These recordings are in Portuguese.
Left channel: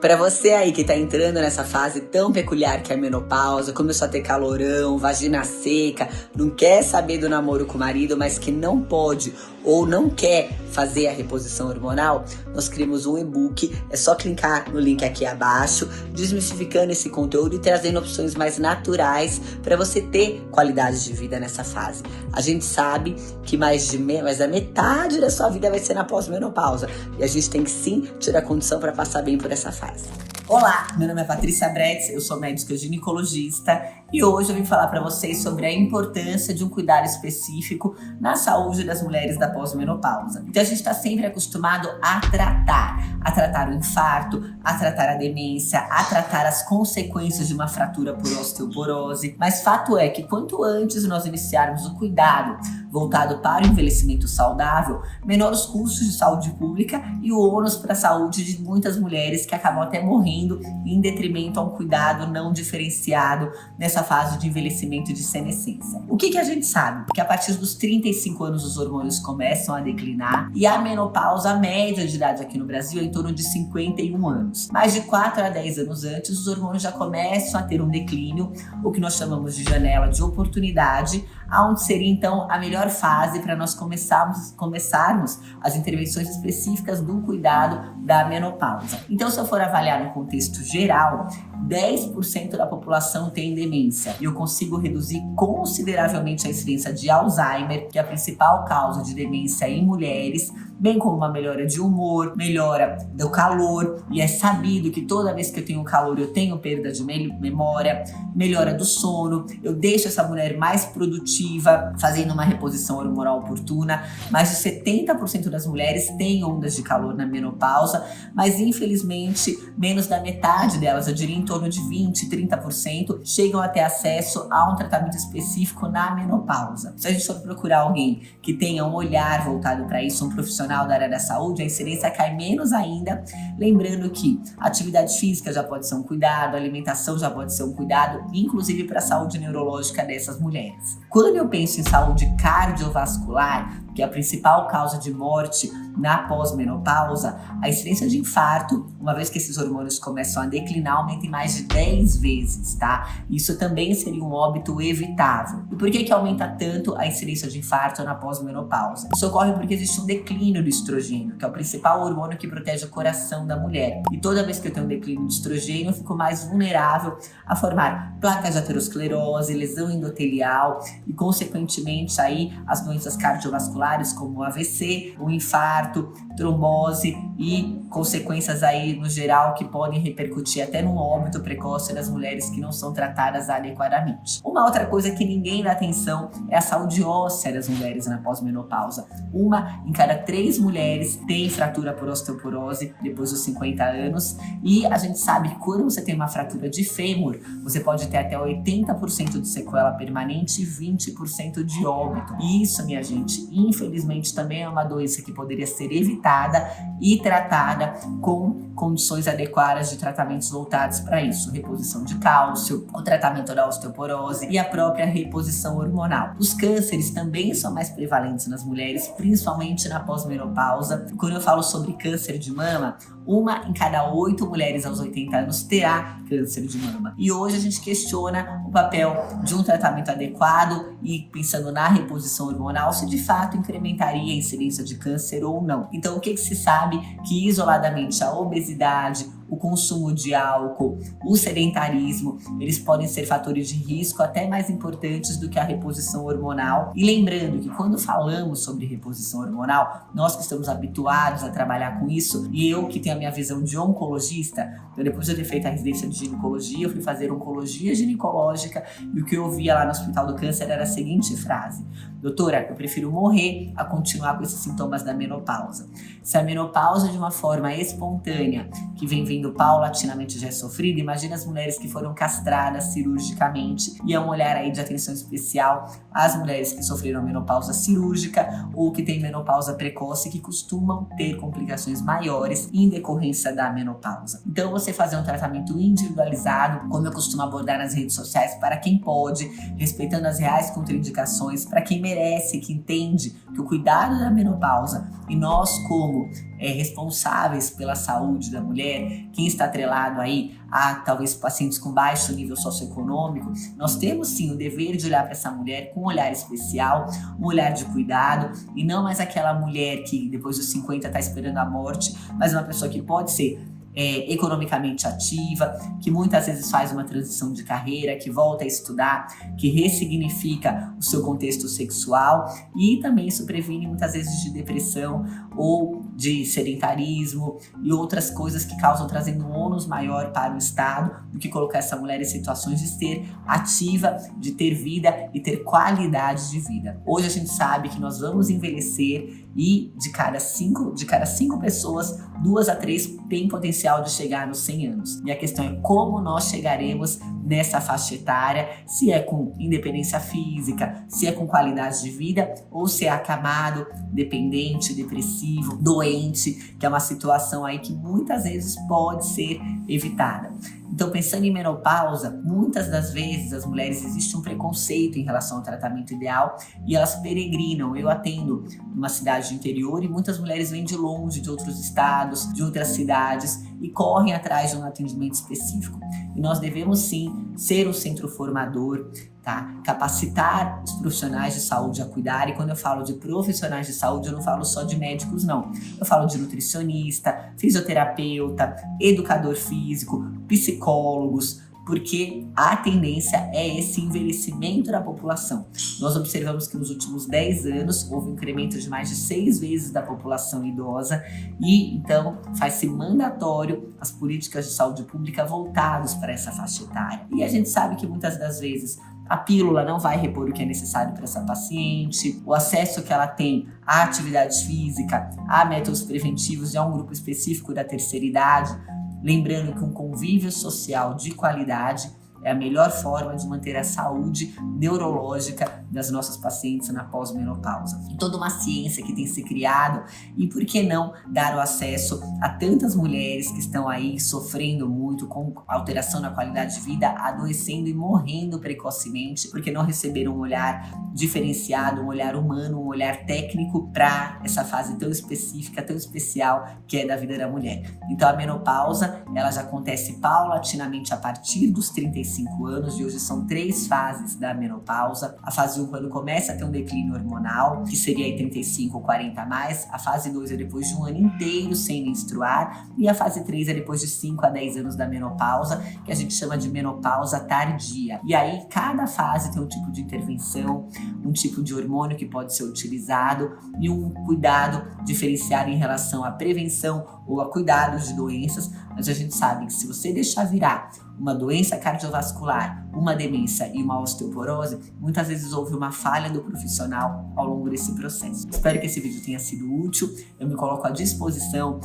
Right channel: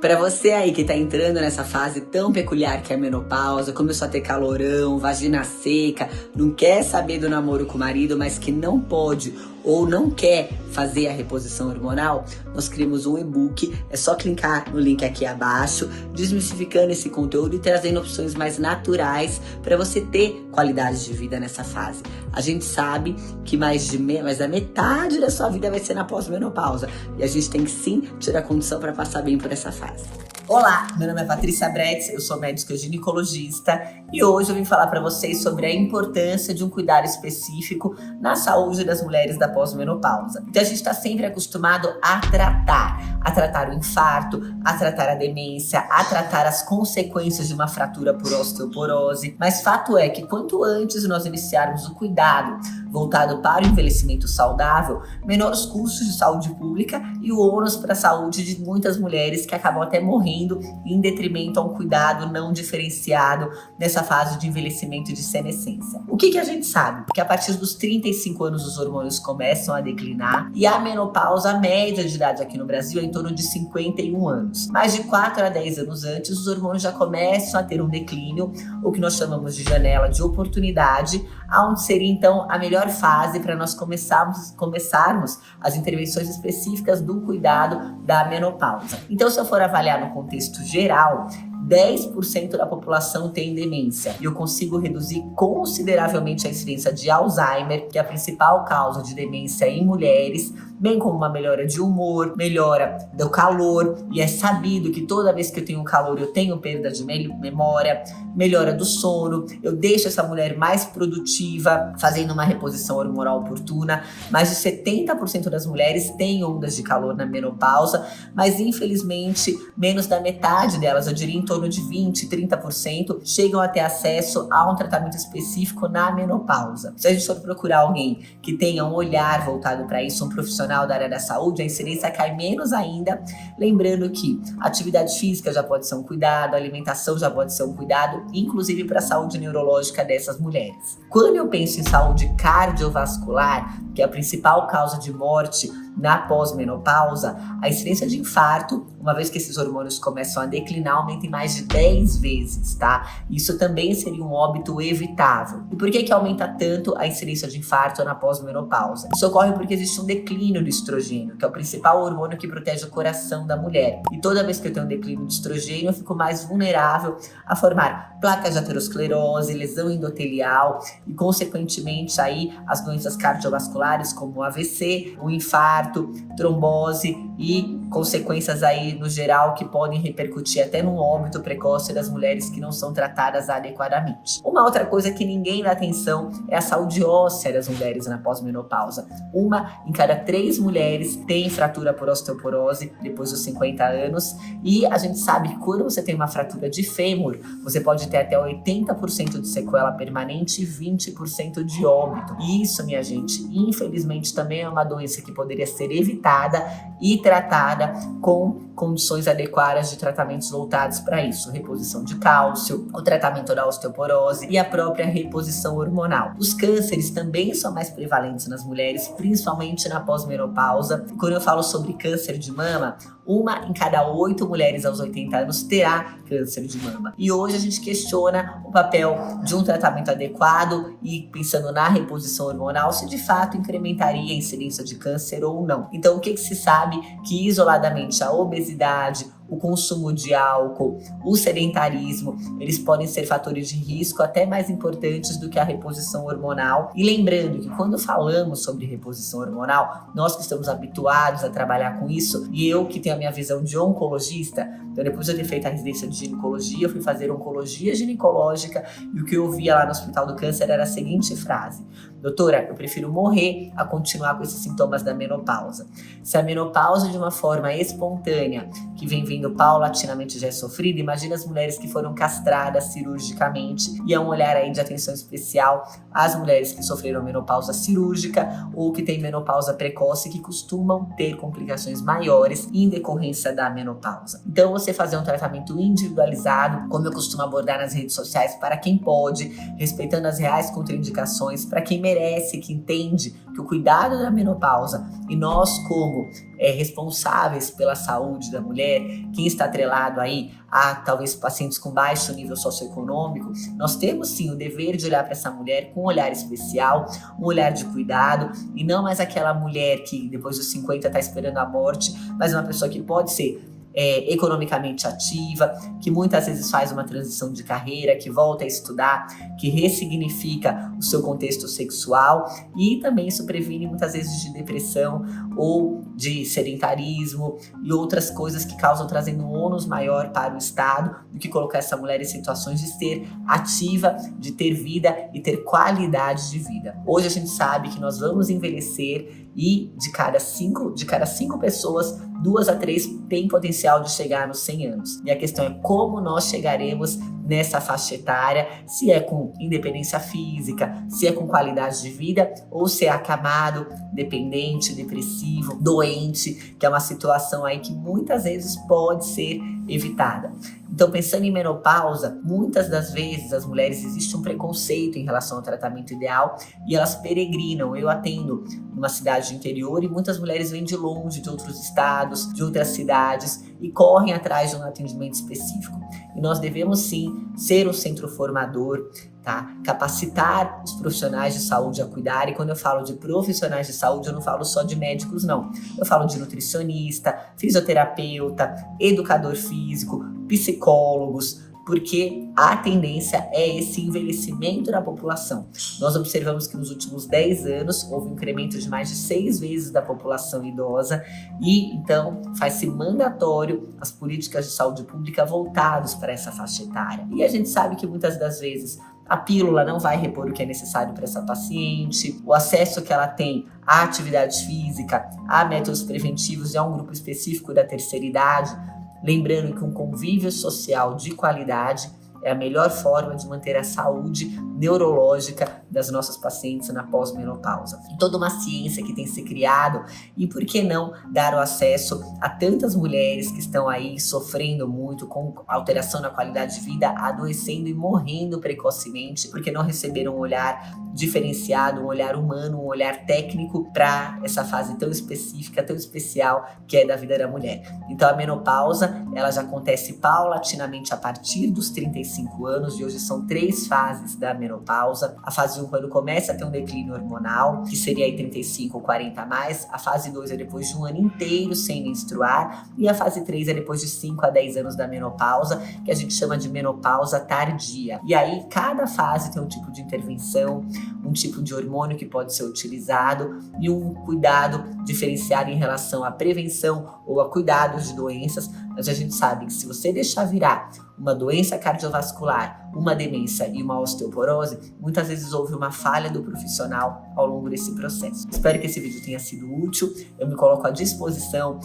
Pra você aí que tá entrando nessa fase tão peculiar que é a menopausa, começou a ter calorão, vagina seca, não quer saber do namoro com o marido, mas que não pode ou não quer fazer a reposição hormonal, nós criamos um e-book, é só clicar no link aqui abaixo, desmistificando esse conteúdo e trazendo opções mais naturais para você ter qualidade de vida nessa fase. A gente sabe que mais da metade da sua vida vai ser na pós-menopausa e a gente tem que sim tirar a condição para passar bem por essa fase. Olá, meu nome é Patrícia Bretz, eu sou médica ginecologista e hoje eu vim falar para vocês sobre a importância de um cuidado específico na saúde das mulheres da pós-menopausa. Então a gente está sempre acostumado a tratar o infarto, a tratar a demência, a tratar as consequências de uma fratura por osteoporose, mas fato é que quanto antes nós iniciarmos o cuidado voltado para o envelhecimento saudável, menor os custos de saúde pública e o ônus para a saúde de muitas mulheres que acabam até morrendo em detrimento a um cuidado não diferenciado nessa fase de envelhecimento e de senescência. O que a gente sabe? Que a partir dos 35 anos os hormônios começam a declinar e a menopausa, a média de idade aqui no Brasil é em torno de 51 anos. Mais de 4 a 10 anos antes, os hormônios já começam a ter um declínio, o que nós chamamos de janela de oportunidade, onde seria então a melhor fase para nós começarmos as intervenções específicas do cuidado da menopausa. Então, se eu for avaliar no contexto geral, 10% da população tem demência e eu consigo reduzir consideravelmente a incidência de Alzheimer, que é a principal causa de demência em mulheres, bem como uma melhora de humor, melhora do calor, e é sabido que toda vez que eu tenho calor eu tenho perda de memória, melhora do sono, eu deixo essa mulher mais produtiva, fazendo uma reposição hormonal oportuna. Mais de 70% das mulheres têm ondas de calor na menopausa, mas infelizmente menos da metade delas, eu diria em torno de 20, 30%, chegam a ter acesso a um tratamento específico na menopausa. Se a gente for procurar alguém que tenha um olhar voltado para isso, um profissional da área da saúde, a incidência cai menos ainda, lembrando que atividade física já pode ser um cuidado, alimentação já pode ser um cuidado, inclusive para a saúde neurológica dessas mulheres. Quando eu penso em saúde cardiovascular, que é a principal causa de morte na pós-menopausa, a incidência de infarto, uma vez que esses hormônios começam a declinar, aumenta em mais de 10 vezes, tá? Isso também seria um óbito evitável. E por que aumenta tanto a incidência de infarto na pós-menopausa? Isso ocorre porque existe um declínio do estrogênio, que é o principal hormônio que protege o coração da mulher. E toda vez que eu tenho um declínio de estrogênio, eu fico mais vulnerável a formar placas de aterosclerose, lesão endotelial e, consequentemente, aí as doenças cardiovasculares como o AVC, o infarto, trombose e consequências aí no geral que podem repercutir até no óbito precoce das mulheres que não são tratadas adequadamente. Uma outra coisa que ninguém dá atenção é a saúde óssea das mulheres na pós-menopausa. Uma em cada 3 mulheres tem fratura por osteoporose depois dos 50 anos e a gente sabe que quando você tem uma fratura de fêmur, você pode ter até 80% de sequela permanente e 20% de óbito. E isso, minha gente, infelizmente também é uma doença que poderia ser evitada e tratada com condições adequadas de tratamentos voltados para isso, reposição de cálcio, o tratamento da osteoporose e a própria reposição hormonal. Os cânceres também são mais prevalentes nas mulheres, principalmente na pós-menopausa. Quando eu falo sobre câncer de mama, 1 em cada 8 mulheres aos 80 anos terá câncer de mama. E hoje a gente questiona o papel de um tratamento adequado e pensando na reposição hormonal, se de fato incrementaria a incidência de câncer ou não. Então, o que se sabe? Que isoladamente a obesidade, o consumo de álcool, o sedentarismo, eles podem ser fatores de risco até mais importantes do que a reposição hormonal. E lembrando que quando falamos sobre reposição hormonal, nós que estamos habituados a trabalhar com isso, e eu que tenho a minha visão de oncologista, então depois de eu ter feito a residência de ginecologia, eu fui fazer oncologia ginecológica e o que eu ouvia lá no Hospital do Câncer era a seguinte frase: doutora, eu prefiro morrer a continuar com esses sintomas da menopausa. Se a menopausa de uma forma espontânea, que vem vindo paulatinamente já é sofrida, imagina as mulheres que foram castradas cirurgicamente, e é um olhar aí de atenção especial às mulheres que sofreram menopausa cirúrgica ou que têm menopausa precoce, que costumam ter complicações maiores em decorrência da menopausa. Então você fazer um tratamento individualizado, como eu costumo abordar nas redes sociais, para quem pode, respeitando as reais contraindicações, para quem merece, que entende que o cuidado da menopausa e nós como responsáveis pela saúde da mulher, quem está atrelado aí a talvez pacientes com baixo nível socioeconômico, nós temos sim o dever de olhar para essa mulher com um olhar especial, um olhar de cuidado, e não mais aquela mulher que depois dos 50 está esperando a morte, mas uma pessoa que pode ser economicamente ativa, que muitas vezes faz uma transição de carreira, que volta a estudar, que ressignifica o seu contexto sexual, e também isso previne muitas vezes de depressão ou de sedentarismo e outras coisas que causam trazendo um ônus maior para o Estado do que colocar essa mulher em situações de ser ativa, de ter vida e ter qualidade de vida. Hoje a gente sabe que nós vamos envelhecer e de cada cinco pessoas, 2 a 3 têm potencial de chegar nos 100 anos. E a questão é como nós chegaremos nessa faixa etária, se é com independência física, se é com qualidade de vida ou se é acamado, dependente, depressivo, doente, que é uma situação aí que muitas vezes pode ser evitada. Então, pensando em menopausa, muitas das vezes as mulheres existe um preconceito em relação ao tratamento ideal e elas peregrinam. Eu atendo numa cidade do interior e muitas mulheres vêm de longe, de outros estados, de outras cidades e correm atrás de um atendimento específico. E nós devemos sim ser um centro formador, tá? Capacitar os profissionais de saúde a cuidar. E quando eu falo de profissionais de saúde, eu não falo só de médicos, não. Eu falo de nutricionista, fisioterapeuta, educador físico, psicólogos, porque a tendência é esse envelhecimento da população. Nós observamos que nos últimos 10 anos houve um incremento de mais de 6 vezes da população idosa e então faz-se mandatório as políticas de saúde pública voltadas para essa faixa etária. E a gente sabe que muitas das vezes a pílula não vai repor o que é necessário para essa paciente, o acesso que ela tem à atividade física, a métodos preventivos e a um grupo específico da terceira idade. Lembrando que um convívio social de qualidade é a melhor forma de manter a saúde neurológica das nossas pacientes na pós-menopausa. Toda uma ciência que tem se criado e por que não dar o acesso a tantas mulheres que estão aí sofrendo muito com alteração na qualidade de vida, adoecendo e morrendo precocemente porque não receberam um olhar diferenciado, um olhar humano, um olhar técnico para essa fase tão específica, tão especial que é da vida da mulher. Então a menopausa, ela já acontece paulatinamente a partir dos 35 anos e hoje são 3 fases da menopausa. A fase 1, quando começa a ter um declínio hormonal, que seria aí 35 ou 40 a mais. A fase 2 é depois de um ano inteiro sem menstruar. E a fase 3 é depois de 5 a 10 anos da menopausa, que a gente chama de menopausa tardia. E aí, cada fase tem um tipo de intervenção, um tipo de hormônio que pode ser utilizado e um cuidado diferenciado em relação à prevenção ou a cuidados de doenças. Mas a gente sabe que se você deixar virar uma doença cardiovascular, uma demência e uma osteoporose, muitas vezes houve uma falha do profissional ao longo desse processo. Espero que esse vídeo tenha sido útil. Eu me coloco à disposição.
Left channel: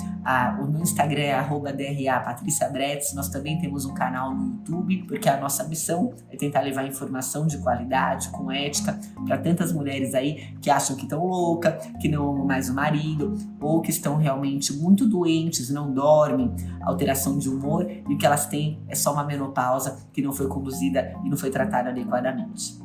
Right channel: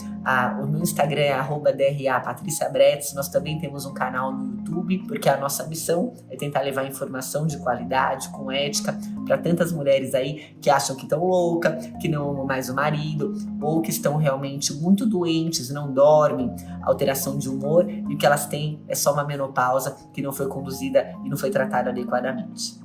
O meu Instagram é @DRA_PatriciaBretz. Nós também temos um canal no YouTube, porque a nossa missão é tentar levar informação de qualidade, com ética, para tantas mulheres aí que acham que estão loucas, que não amam mais o marido, ou que estão realmente muito doentes, não dormem, alteração de humor, e o que elas têm é só uma menopausa que não foi conduzida e não foi tratada adequadamente.